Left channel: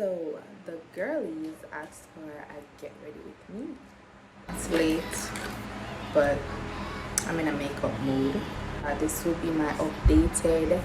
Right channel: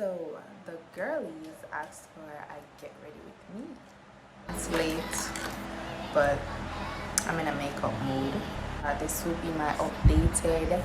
So the girlies asked for a get ready with me. It's late, but I'm in a makeup mood. This will be my updated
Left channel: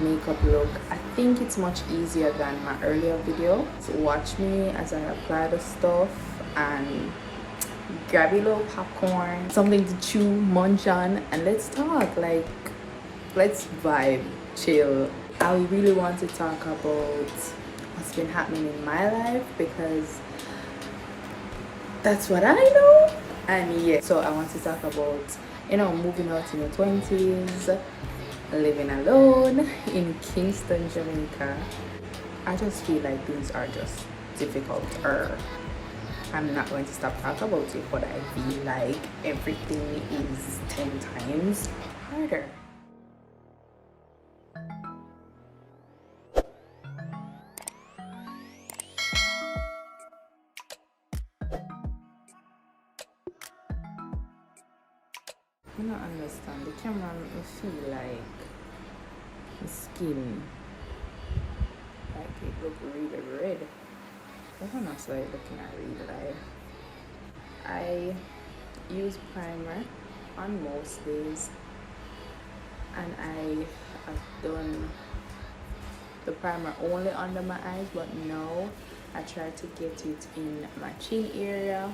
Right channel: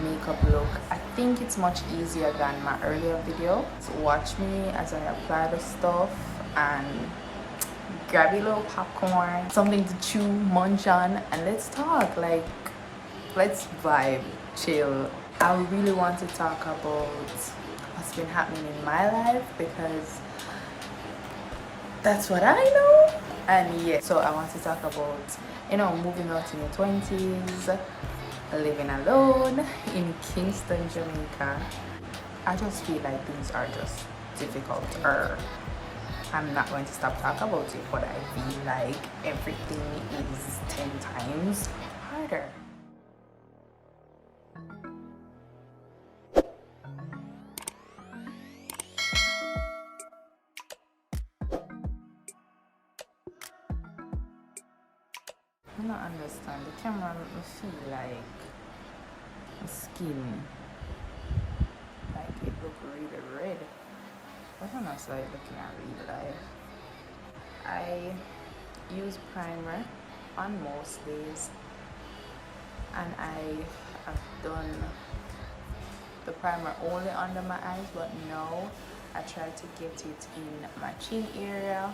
makeup look. I think it's much easier than my earlier video. So watch me as I apply the stuff and grab a little popcorn, something to chew, munch on, and let's talk. Like, let's vibe, chill. I really want to talk about what's been happening in my life because that's what I know. And yeah, so I want to talk about, moving out in your 20s, living alone in Kingston, Jamaica. I just feel like things are just difficult. I'm not going to stop talking about it, but I feel like everything is 10 times harder. I don't understand. The camera make me feel like the skin, like it look really red. I don't know, so looking at real life. I use primer on most days, and I have done the primer only under my eyes, but now I try to get it in my chin area.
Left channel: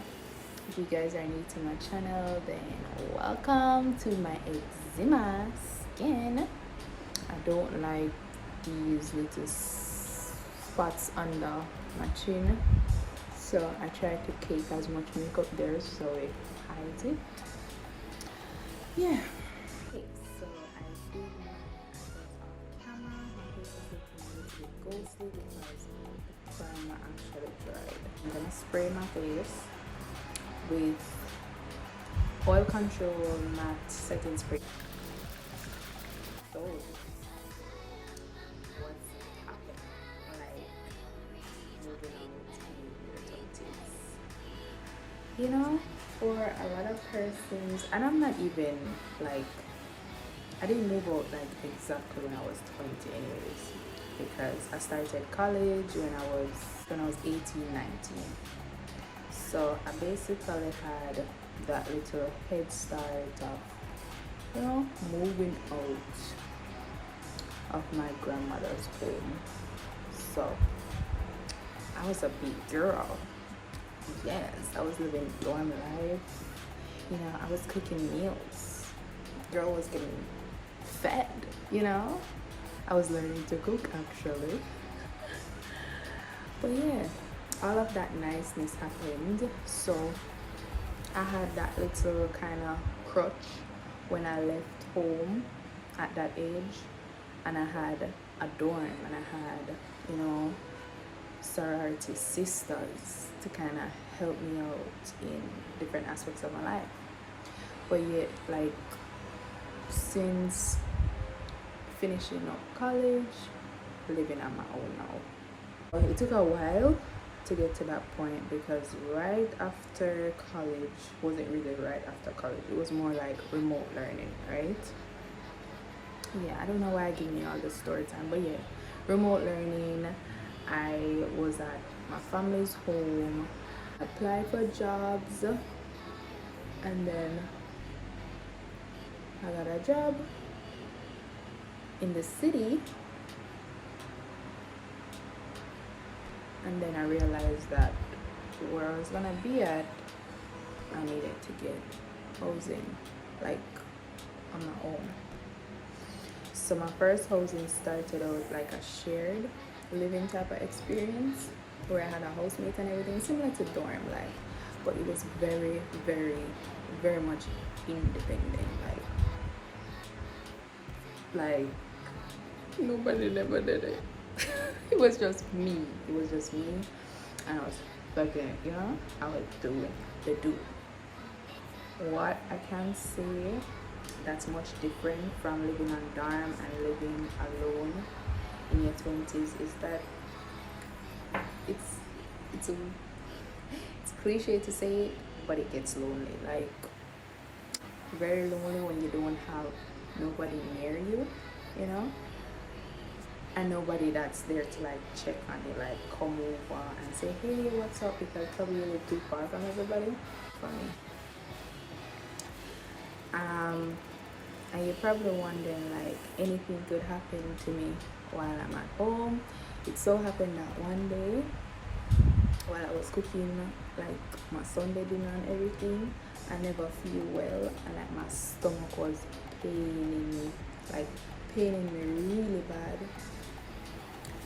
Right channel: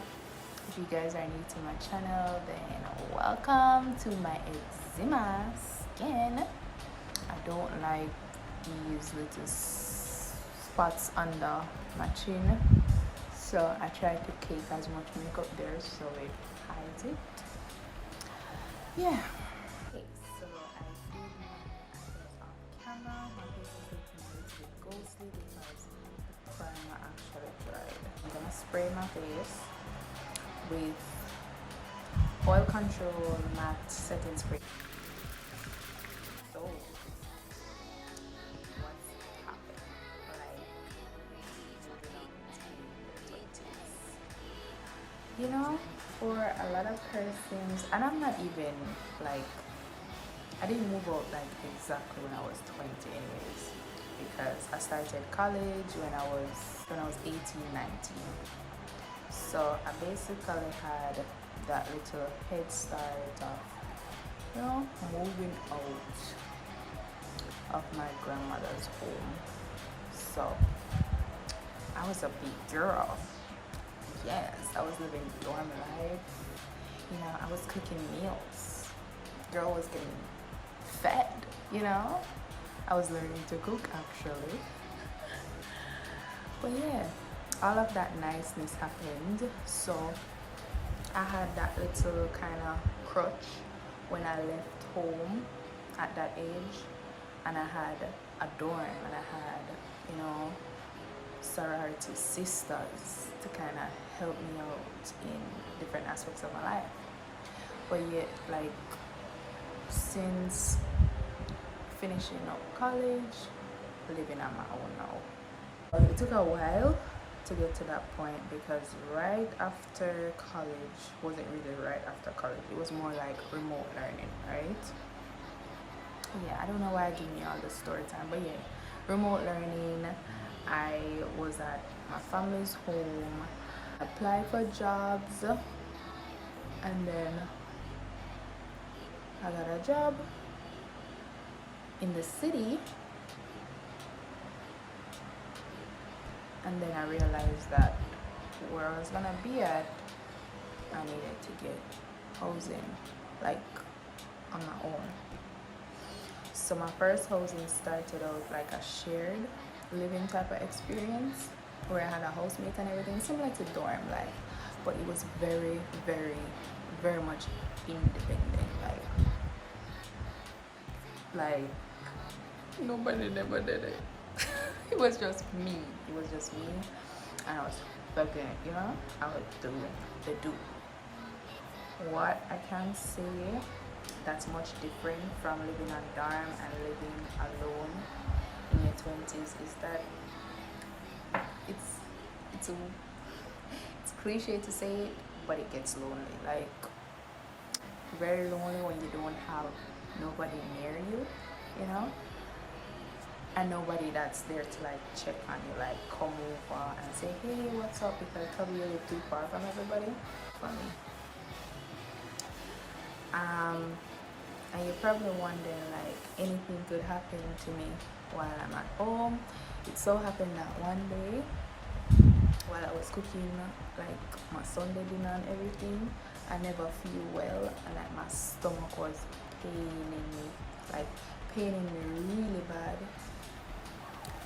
If you guys are new to my channel, then welcome to my eczema skin. I don't like these little spots under my chin, so I try to cake as much makeup there so it hides it. Yeah. Okay, so I did my eyes off camera. My face is looking a little bit ghostly because the primer actually dried. I'm gonna spray my face with oil control matte setting spray. So what's happened? Like moving on to your 20s. For a lot of persons, and I'm not even like, I didn't move out like exactly when I was 20 anyways, because I started college when I was 18, 19. So I basically had that little head start of, moving out of my grandmother's home. So I was a big girl. Yes, I was living dorm life. I was cooking meals. Girl was getting fed, I was learning to cook actually. But yeah, all of that niceness happened. So I had that little kind of crutch when I left home at that age, and I had a dorm, and I had, sorority sisters to kind of help me out in different aspects of my life. But yet, like, since finishing up college, living on my own now. It took a while to get to that point because right after college wasn't really right after college, it was more like remote learning, right? Yeah, I don't know why I give you all the story time, but yeah, remote learning. I was at my family's home, applied for jobs, and then I got a job in the city, and then I realized that where I was gonna be at, I needed to get housing, like on my own. So my first housing started out like a shared living type of experience where I had a housemate and everything, similar to dorm life, but it was very, very, very much independent. Like nobody never did it. It was just me, and I was fucking it, I was doing the do. What I can say that's much different from living on dorm and living alone in your 20s is that it's cliche to say it, but it gets lonely. Like, very lonely when you don't have nobody near you, and nobody that's there to like check on you, like come over and say, hey, what's up, because probably you live too far from everybody. Funny. And you're probably wondering, like, anything could happen to me while I'm at home. It so happened that one day while I was cooking like my Sunday dinner and everything, I never feel well, and like my stomach was paining me, like paining me really bad,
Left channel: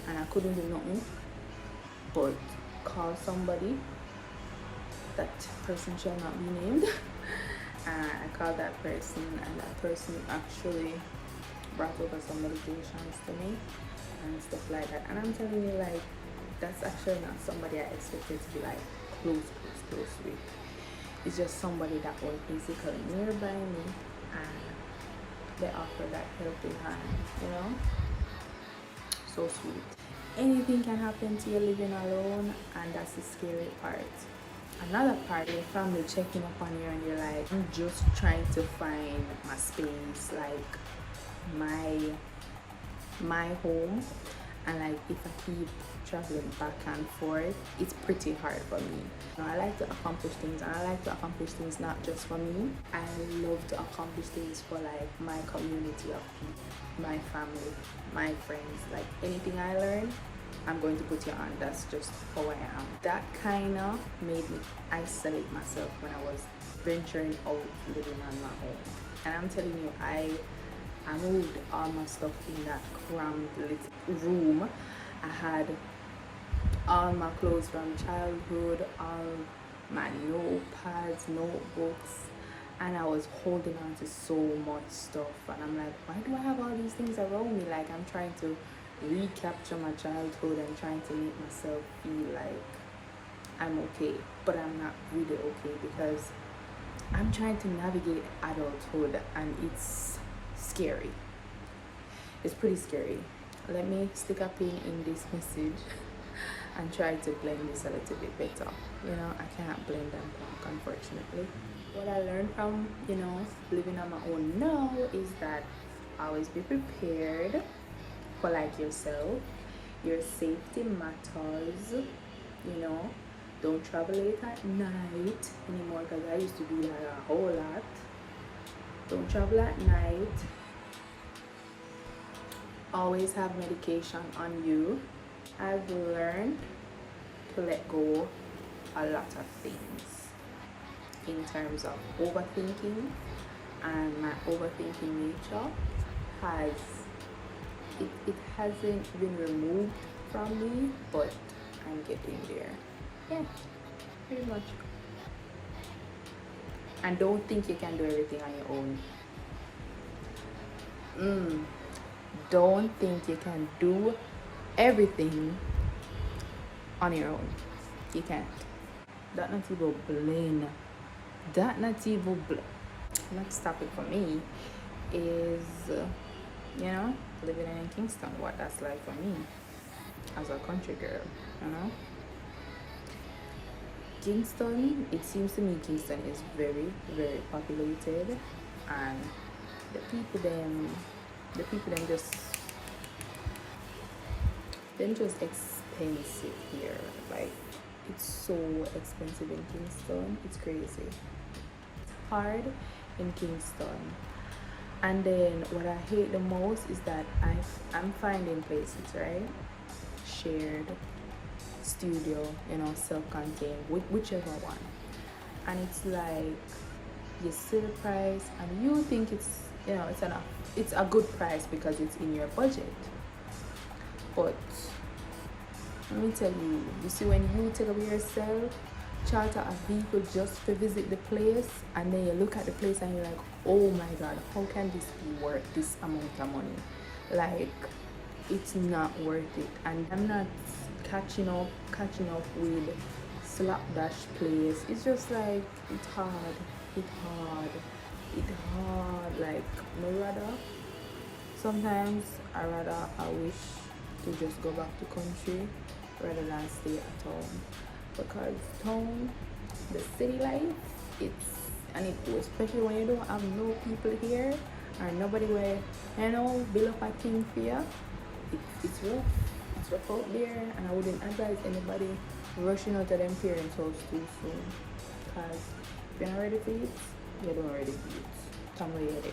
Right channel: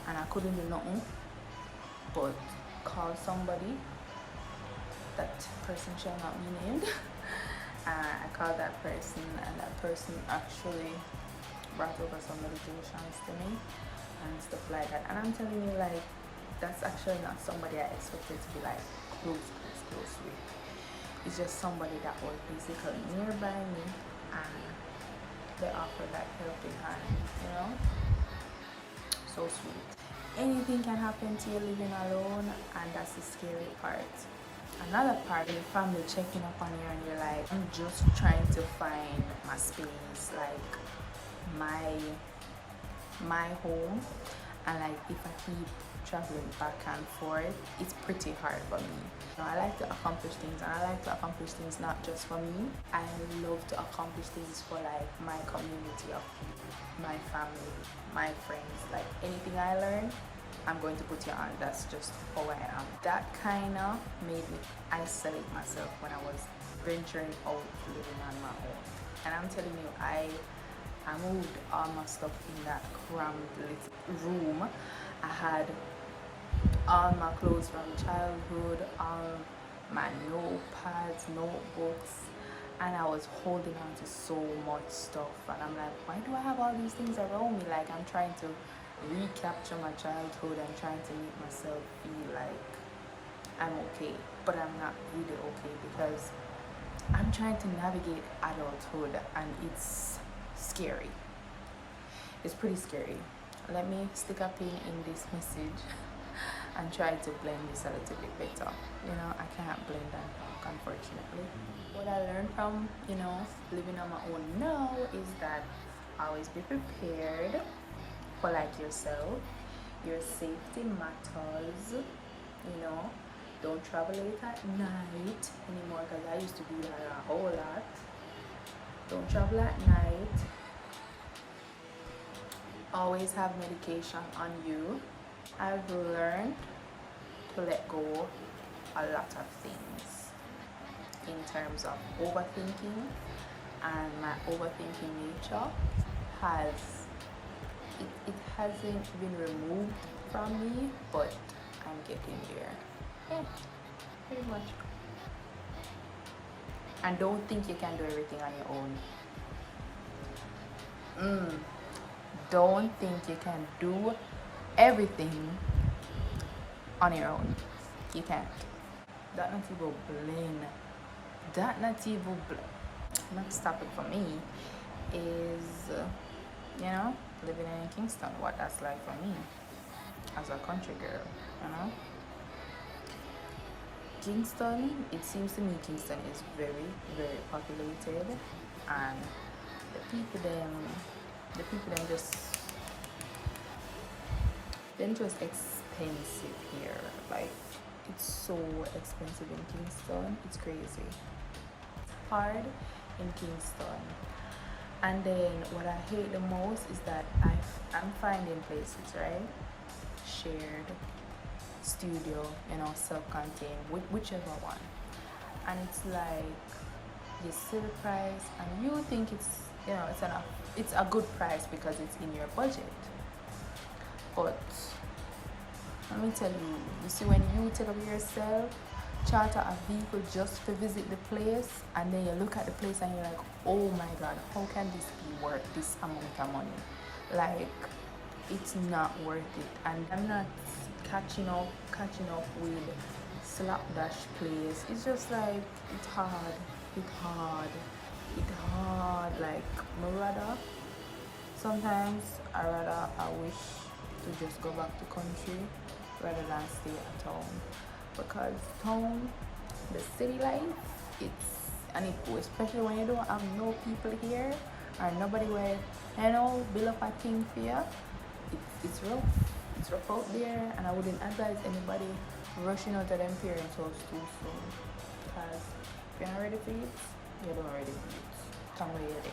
and I couldn't do nothing but call somebody. That person shall not be named. And I called that person, and that person actually brought over some medications to me and stuff like that. And I'm telling you, like, that's actually not somebody I expected to be like close with. It's just somebody that was basically nearby me, and they offered that helping hand, you know. So sweet. Anything can happen to you living alone, and that's the scary part. Another part, your family checking up on you, and you're like, I'm just trying to find my space, like my home. And like, if I keep traveling back and forth, it's pretty hard for me. You know, I like to accomplish things, and I like to accomplish things not just for me. I love to accomplish things for like my community of people, my family, my friends. Like, anything I learn, I'm going to put you on. That's just how I am. That kind of made me isolate myself when I was venturing out living on my own. And I'm telling you, I moved all my stuff in that cramped little room. I had all my clothes from childhood, all my notepads, notebooks, and I was holding on to so much stuff. And I'm like, why do I have all these things around me? Like, I'm trying to recapture my childhood and trying to make myself feel like I'm okay, but I'm not really okay, because I'm trying to navigate adulthood, and it's scary. It's pretty scary. Let me stick a pin in this message and try to blend this a little bit better. You know, I can't blend and talk, unfortunately. What I learned from, you know, living on my own now is that always be prepared for like yourself. Your safety matters, you know. Don't travel late at night anymore, because I used to do that a whole lot. Don't travel at night. Always have medication on you. I've learned to let go a lot of things in terms of overthinking, and my overthinking nature has it hasn't been removed from me, but I'm getting there. Yeah, pretty much. And don't think you can do everything on your own. Don't think you can do everything on your own. You can't. That not even blame. That not even blame. Next topic for me is, you know, living in Kingston. What that's like for me as a country girl, you know. Kingston, it seems to me Kingston is very, very populated, and the people them just expensive here. Like, it's so expensive in Kingston, it's crazy. It's hard in Kingston. And then what I hate the most is that I'm finding places, right? Shared, studio, you know, self-contained, whichever one. And it's like, you see the price and you think it's, you know, it's a good price because it's in your budget. But let me tell you, you see, when you take up yourself, charter a vehicle just to visit the place, and then you look at the place and you're like, oh my god, how can this be worth this amount of money? Like, it's not worth it. And I'm not catching up with slapdash place. It's just like, it's hard. Like, sometimes I wish to just go back to country rather than stay at home, because town, the city life, especially when you don't have no people here and nobody will, you know, build up a thing for you. it's rough. It's rough out there, and I wouldn't advise anybody rushing out of them parents' house too soon. Because if you're not ready for it, you don't ready for it. Come where you're ready.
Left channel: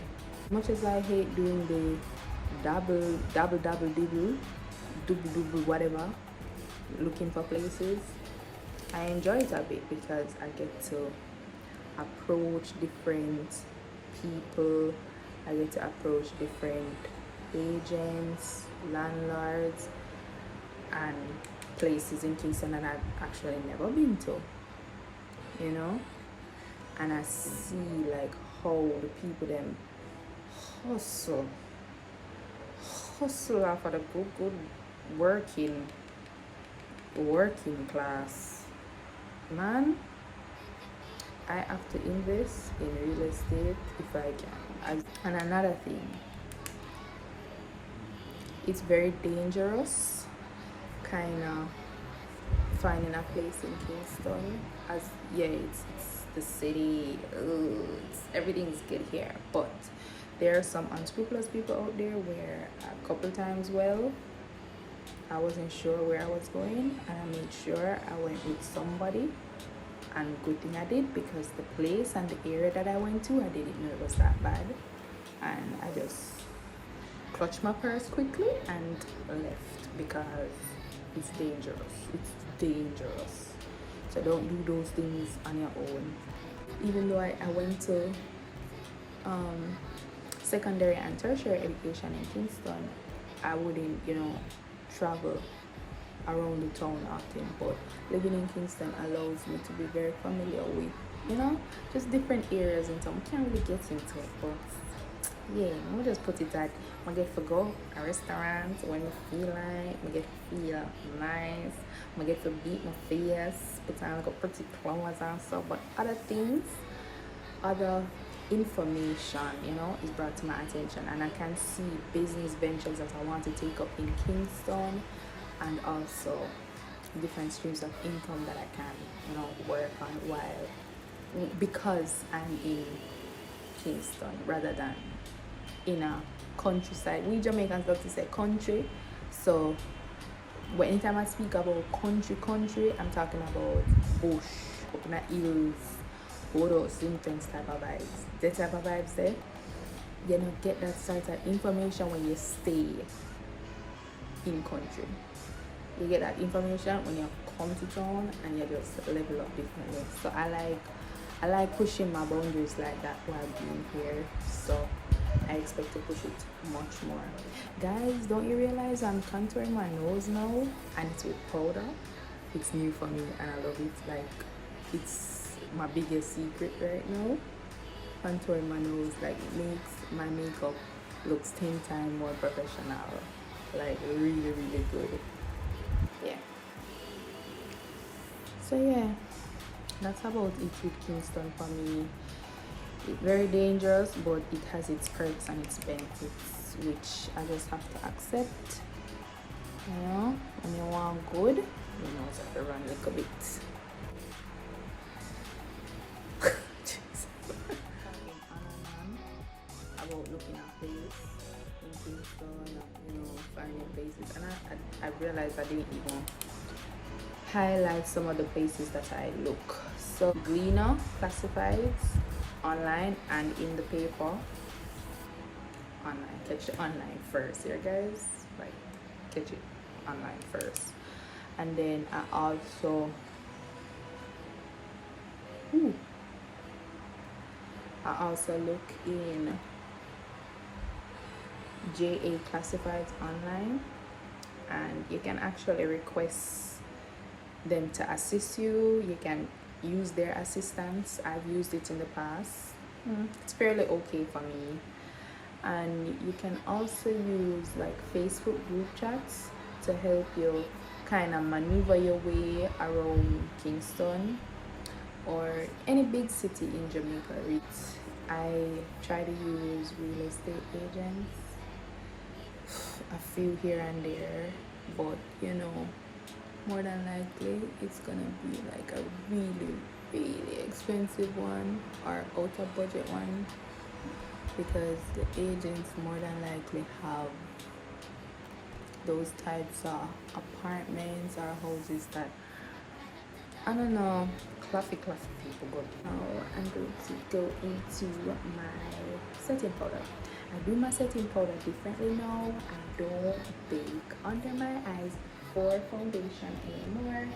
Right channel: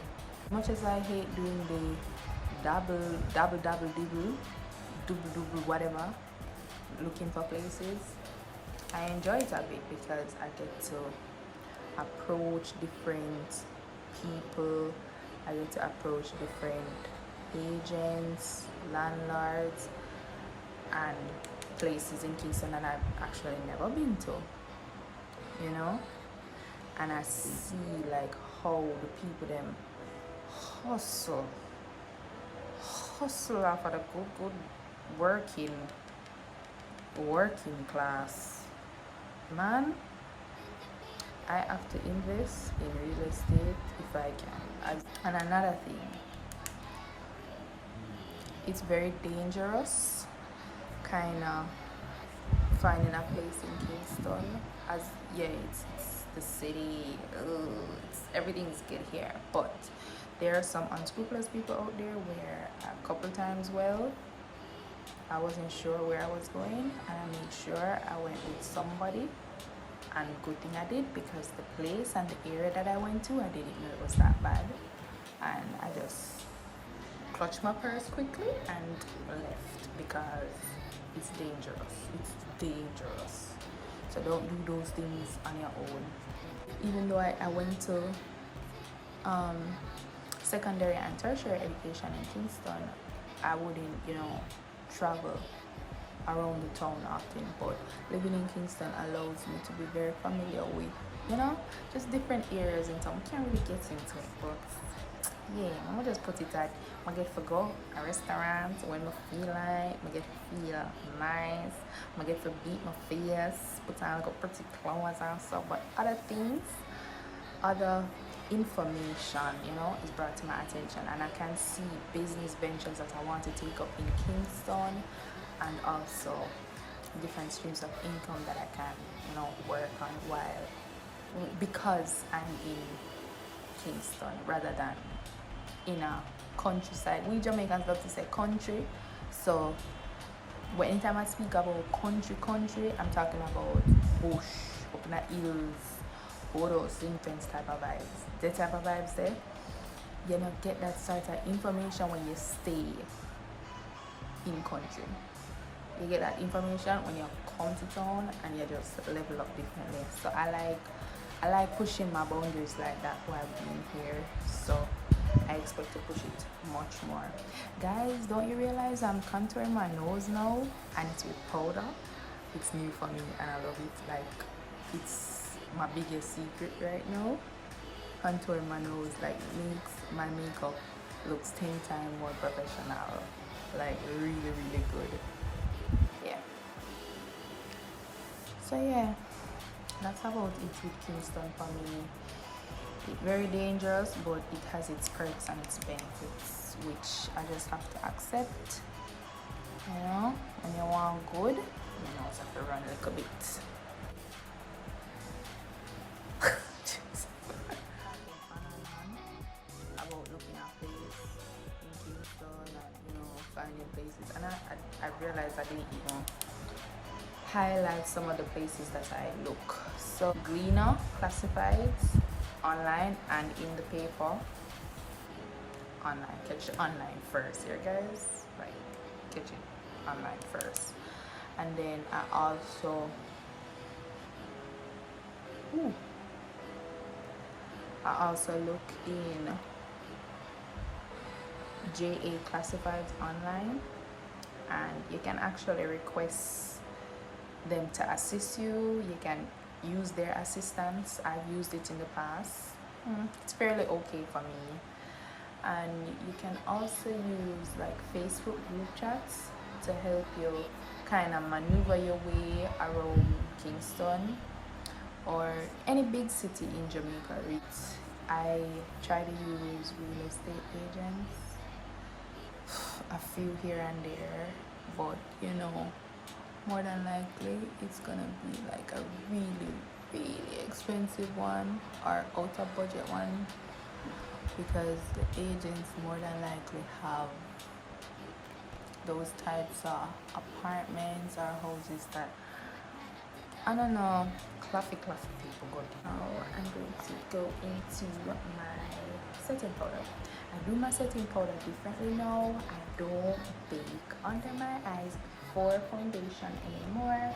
Much as I hate doing the double whatever, looking for places, I enjoy it a bit because I get to approach different people. I get to approach different agents, landlords, and places in Kingston that I've actually never been to, you know. And I see like how the people them hustle off of the good working class. Man, I have to invest in real estate if I can. And another thing, it's very dangerous kind of finding a place in Kingston. As yeah, it's the city. Everything's good here, but there are some unscrupulous people out there where a couple times, well, I wasn't sure where I was going, and I made sure I went with somebody. And good thing I did, because the place and the area that I went to, I didn't know it was that bad, and I just clutched my purse quickly and left because it's dangerous. So don't do those things on your own. Even though I went to secondary and tertiary education in Kingston, I wouldn't, travel around the town often, but living in Kingston allows me to be very familiar with, just different areas in town. Can't really get into it, but yeah, I'll just put it that I get to go a restaurant when I feel like, I get to feel nice, I get to beat my face, put on like a pretty clothes and stuff, but other things, other information, is brought to my attention, and I can see business ventures that I want to take up in Kingston, and also different streams of income that I can, work on because I'm in Kingston rather than in a countryside. We Jamaicans love to say country, so anytime I speak about country, I'm talking about bush, up in the hills, all those intense type of vibes. That type of vibes there, you don't get that sort of information when you stay in country. You get that information when you come to town and you just level up differently. So I like pushing my boundaries like that while being here. So I expect to push it much more. Guys, don't you realize I'm contouring my nose now, and it's with powder? It's new for me and I love it. Like, it's my biggest secret right now. Contouring my nose makes my makeup looks 10 times more professional. Like really good. Yeah. So yeah, that's about it with Kingston for me. It's very dangerous, but it has its perks and its benefits, which I just have to accept. When you want good, you just have to run a little bit. About looking at places in Kingston and finding places, and I realized I didn't even highlight some of the places that I look. So Grwm classifieds online and in the paper. Online, catch it online first here, guys. Like, catch it online first, and then I also look in JA classifieds online, and you can actually request them to assist you. You can use their assistance. I've used it in the past. It's fairly okay for me. And you can also use like Facebook group chats to help you kind of maneuver your way around Kingston or any big city in Jamaica. I try to use real estate agents, a few here and there, but more than likely it's gonna be like a really expensive one or out of budget one, because the agents more than likely have those types of apartments or houses that, I don't know, classy people go to. Now I'm going to go into my setting powder. I do my setting powder differently now. I don't bake under my eyes for foundation anymore,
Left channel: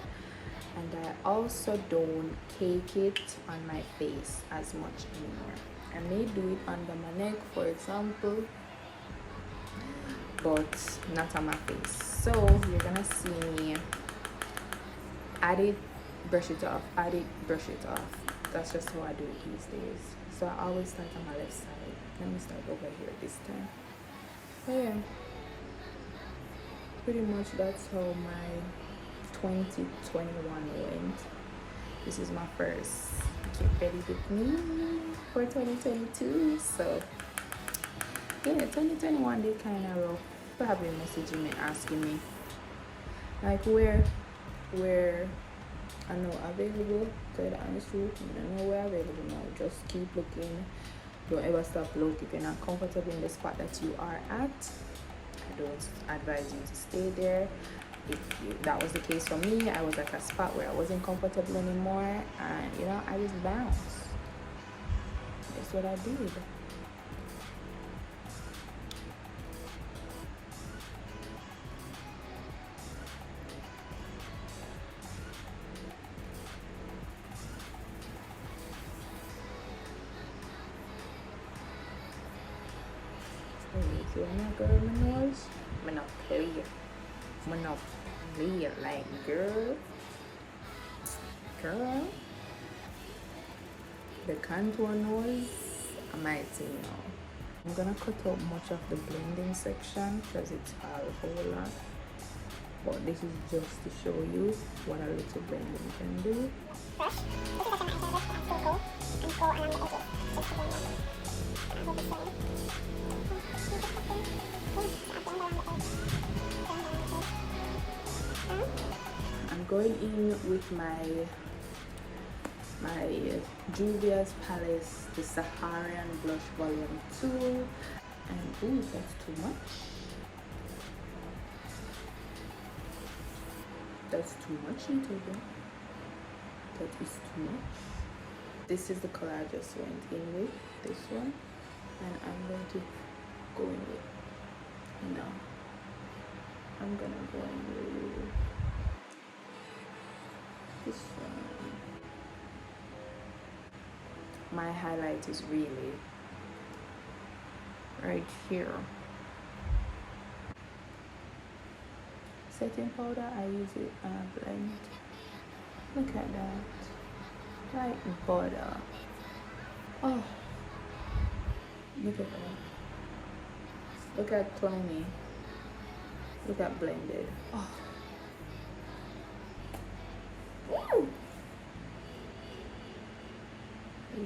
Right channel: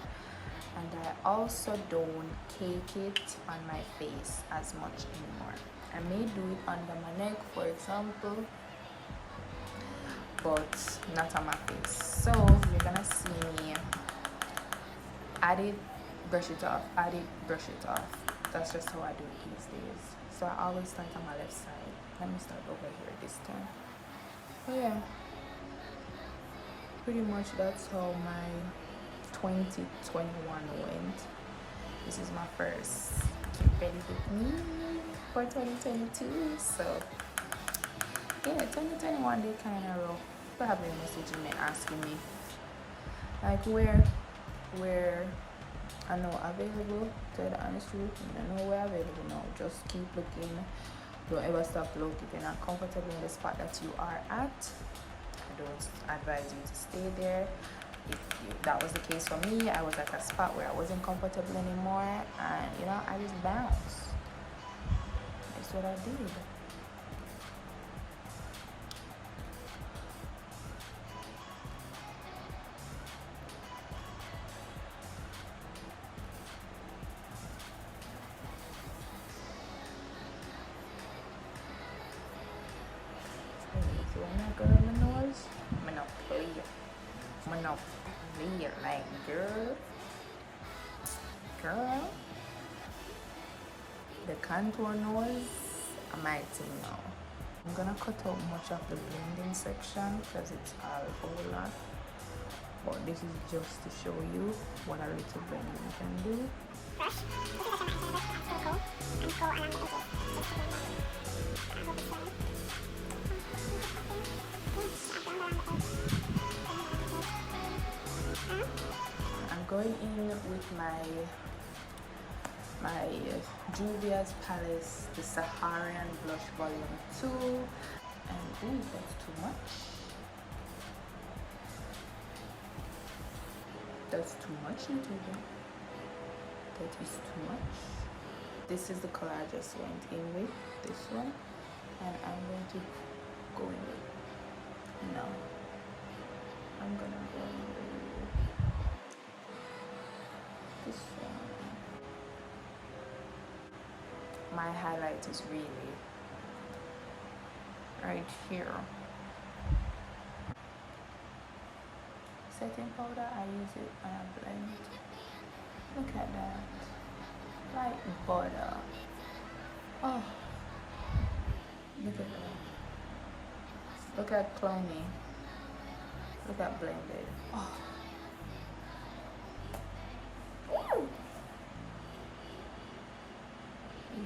and I also don't cake it on my face as much anymore. I may do it under my neck, for example, but not on my face. So you're gonna see me add it, brush it off, add it, brush it off. That's just how I do it these days. So I always start on my left side. Let me start over here this time. Oh yeah, pretty much that's how my 2021 went. This is my first Get Ready With Me for 2022. So yeah, 2021 they kind of rough. Probably messaging me, asking me like where I know available. Tell the honest truth, I know we're available now. Just keep looking. Don't ever stop looking. If you're not comfortable in the spot that you are at, I don't advise you to stay there. If that was the case for me, I was at a spot where I wasn't comfortable anymore, and you know, I just bounced. That's what I did. So when I go to my nose, I'm not clear. I'm not clear. Like, girl. The contour nose, I might say no. I'm gonna cut out much of the blending section because it's all a whole lot. But this is just to show you what a little blending can do. Brush. This is the second I have and go around the edges just to blend that. I hope it's I'm going in with my Juvia's palette, the Saharan blush volume 2, and ooh, that's too much. That's too much, YouTuber. That is too much. This is the color I just went in with, this one, and I'm going to go in with, no, I'm gonna go in with this one. My highlight is really right here. Setting powder, I use it and I blend. Look at that, like butter. Oh, look at that. Look at clowny. Look at blended. Oh. Woo.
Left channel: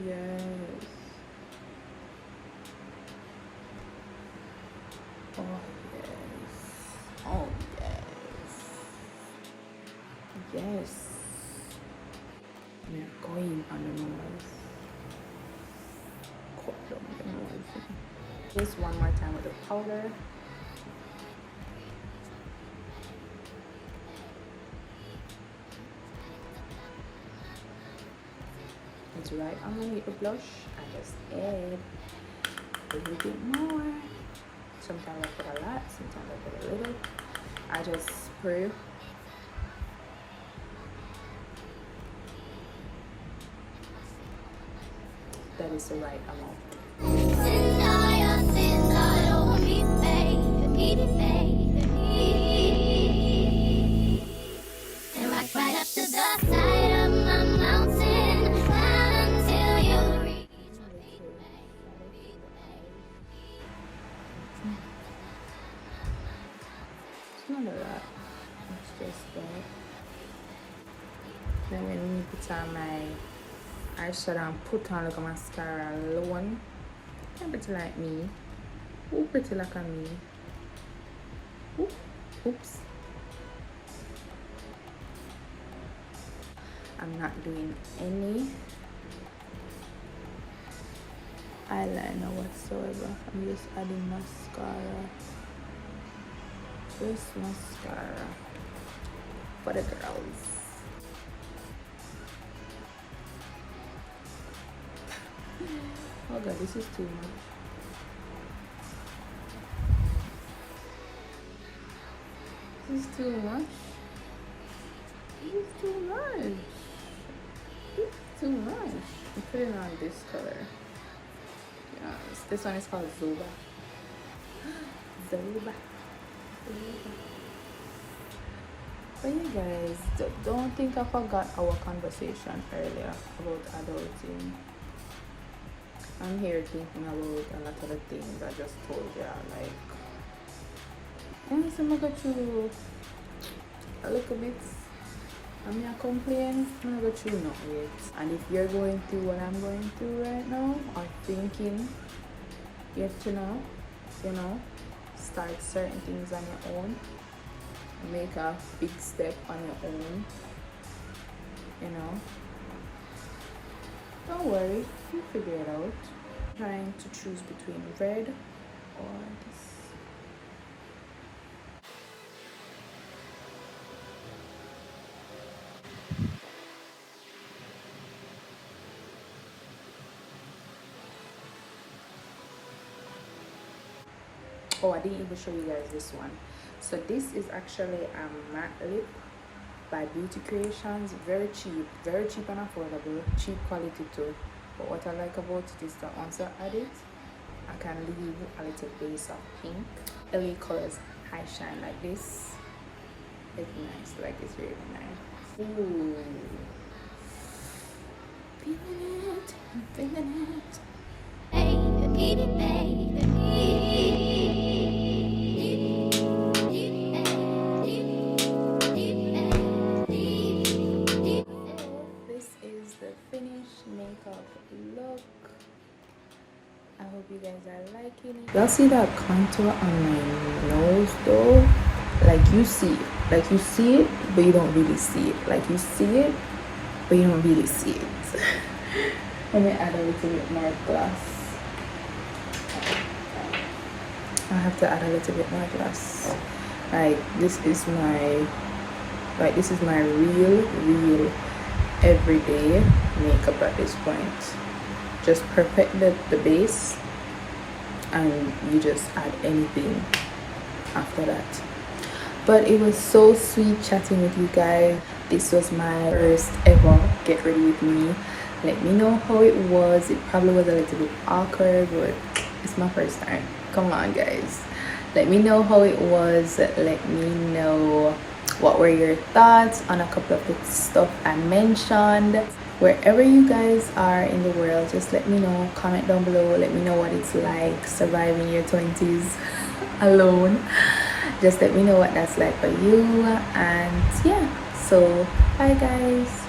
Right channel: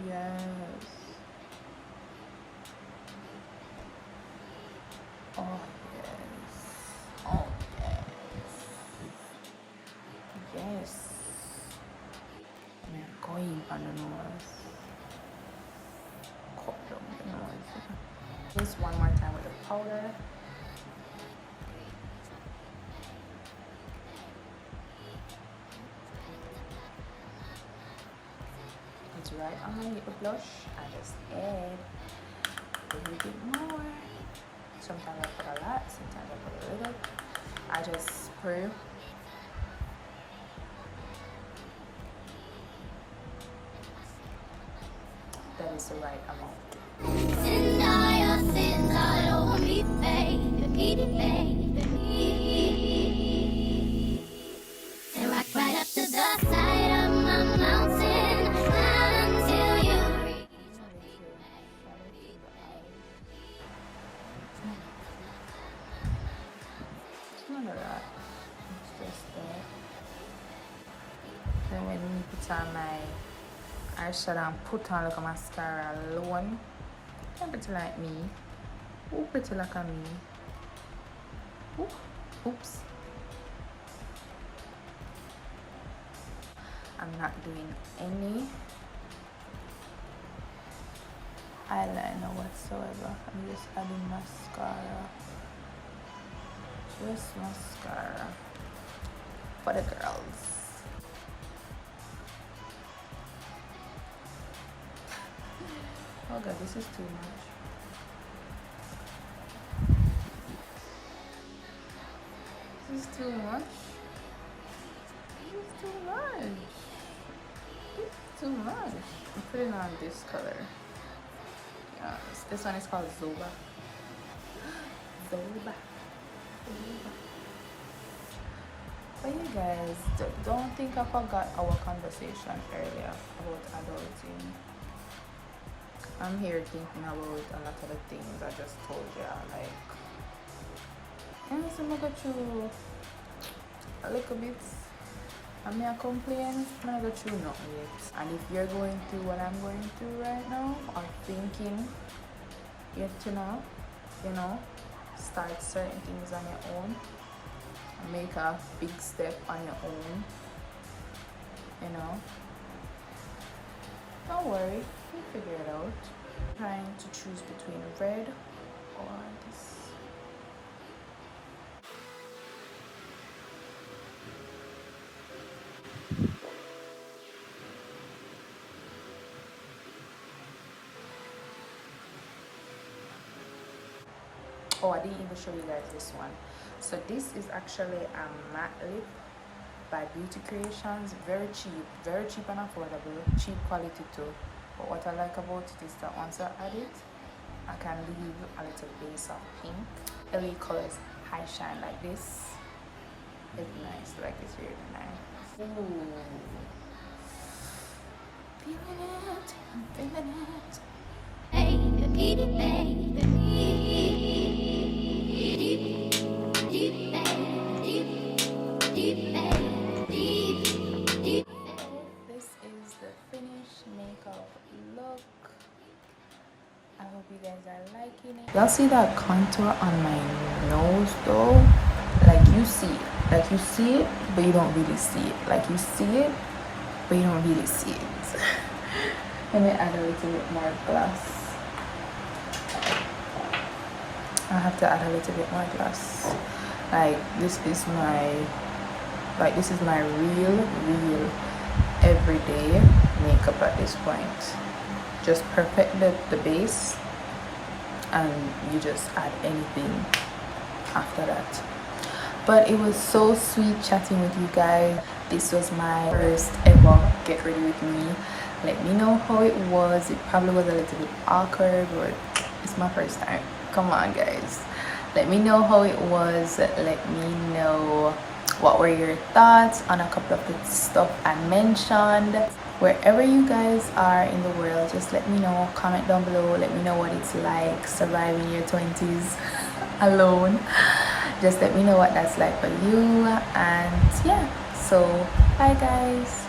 Yes. Oh yes. Oh yes. Yes. We are going on the nose. Cut down the nose. This one more time with the powder. It's right underneath the blush. I just add a little bit more. Sometimes I put a lot, sometimes I put a little. I just spray. That is the right amount. Not a lot, it's just that. Then when you put on my eyeshadow and put on like a mascara alone, I'm pretty like me. Who pretty like a me? Oops. I'm not doing any eyeliner whatsoever. I'm just adding mascara. this mascara for the girls. Oh god, this is too much. This is too much. This is too much. This is too much. I'm putting on this color. Yes, this one is called Zoba. Zoba. But you guys, don't think I forgot our conversation earlier about adulting. I'm here thinking about a lot of the things I just told you. Like, I'm gonna go through a little bit. I'm not complaining. I'm gonna go through nothing yet. And if you're going through what I'm going through right now, or thinking, get to know, start certain things on your own. Make a big step on your own. Don't worry, you figure it out. Trying to choose between red or this. Oh, I didn't even show you guys this one. So this is actually a matte lip by Beauty Creations. Very cheap and affordable, cheap quality too. But what I like about it is that once I add it, I can leave a little base of pink. LA colors high shine like this. It's nice, like it's really nice. Ooh. Feeling it. Hey, you need it, baby. Makeup look. I hope you guys are liking it. Y'all see that contour on my nose though? Like you see it, but you don't really see it. Like you see it, but you don't really see it. Let me add a little bit more gloss. I have to add a little bit more gloss. This is my real everyday makeup at this point. Just perfect the base and you just add anything after that. But it was so sweet chatting with you guys. This was my first ever get ready with me. Let me know how it was. It probably was a little bit awkward, but it's my first time. Come on guys, let me know how it was. Let me know what were your thoughts on a couple of the stuff I mentioned. Wherever you guys are in the world, just let me know. Comment down below. Let me know what it's like surviving your 20s alone. Just let me know what that's like for you. And yeah, so bye guys.